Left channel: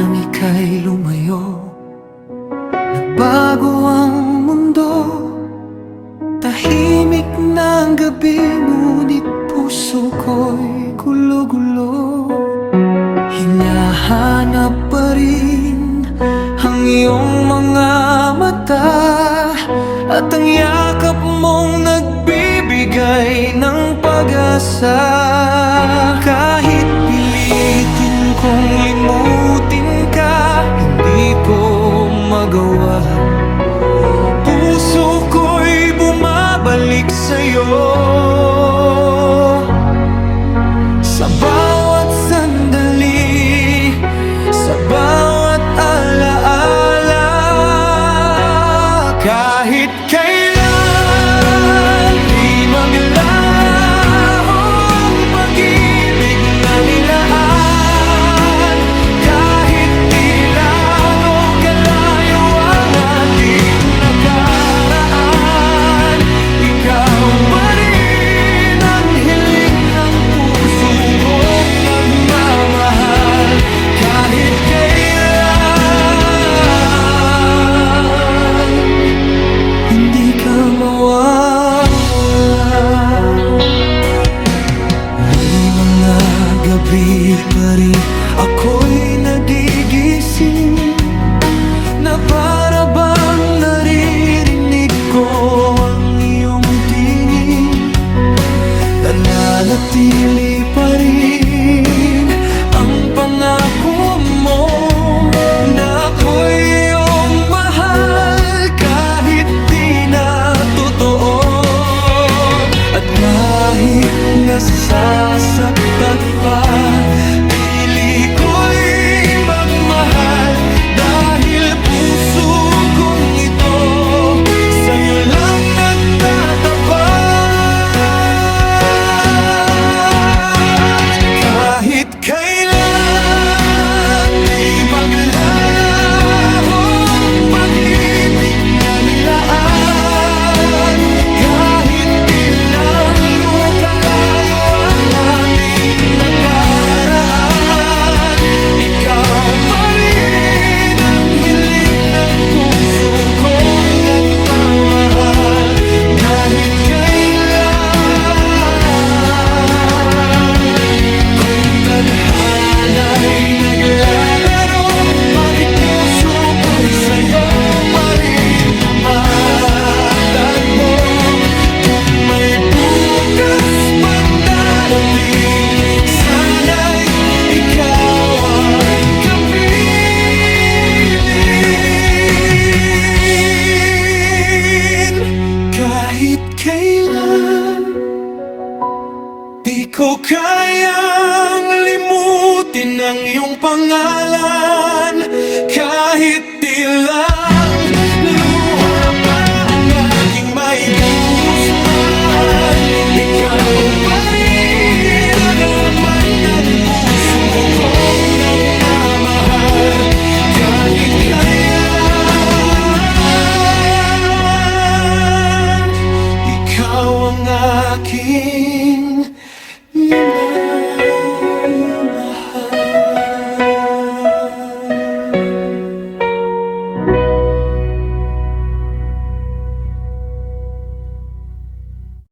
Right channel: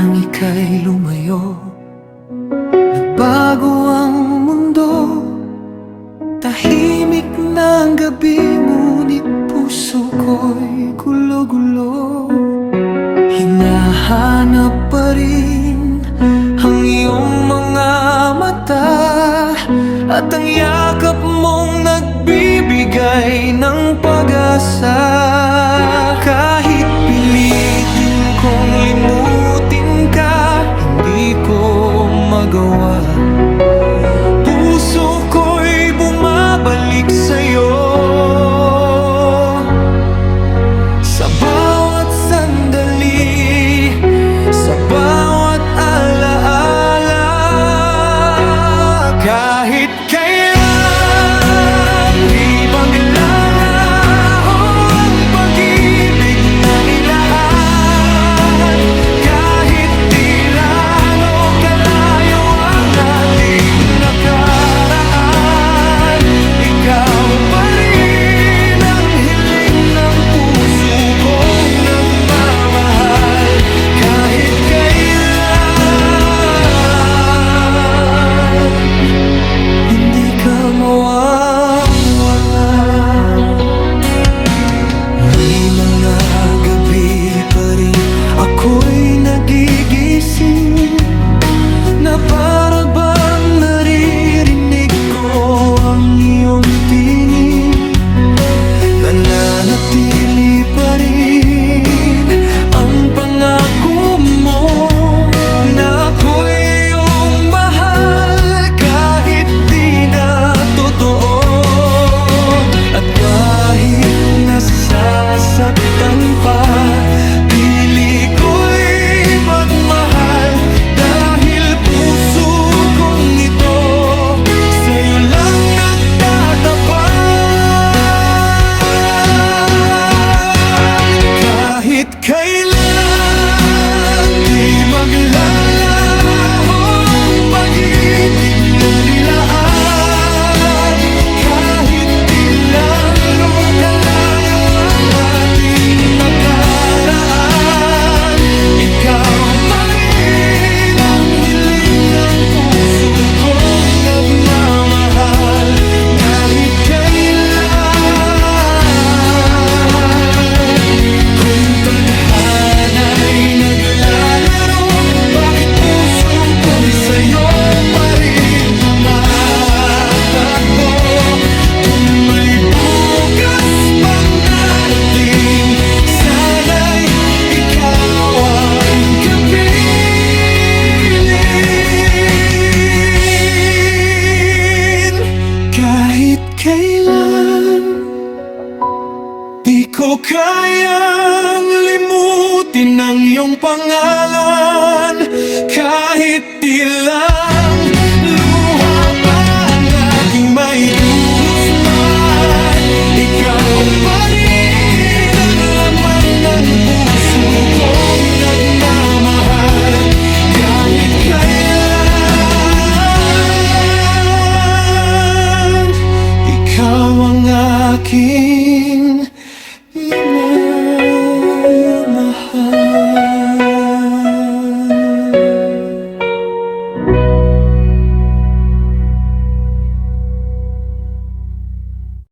nang ika'y lumayo, nagbago ang mundo. Tahimik ng gabi, ngunit puso ko'y gulo-gulo. Hinahanap pa rin ang iyong mga mata, at ang yakap mong nagbibigay ng pag-asa. Kahit pilitin kong limutin ka, hindi ko magawa. Puso ko'y bumabalik sa'yo. Sa bawat sandali, sa bawat alaala, kahit kailan di maglalaho ang pag-ibig na nilaan. Kahit ilan o kalayo ang ating nakaraan, ikaw pa rin ang hiling ng puso kong nagmamahal. Kahit kailan hindi ka mawawala. May mga gabi pa rin ako'y nagigising, na para bang naririnig ko ang iyong tinig. Nananatili pa rin ang pangako mo na ako'y iyong mahal, kahit di na totoo. At kahit nasasaktan pa, pili ko'y magmahal, dahil puso kong ito sa'yo lang nagtatapat. Kahit kailan di maglalaho ang pag-ibig na nilaan. Kahit ilang lukalayo ang ating nakaraan, ikaw pa rin ang hiling ng puso kong nagmamahal. Kahit kailan, kung tadhana'y naglalaro, bakit puso ko'y sa'yo pa rin tumatakbo? Kung may bukas pang darating, sana'y ikaw ang kapiling. Kahit kailan di ko kayang limutin ang iyong pangalan. Kahit tila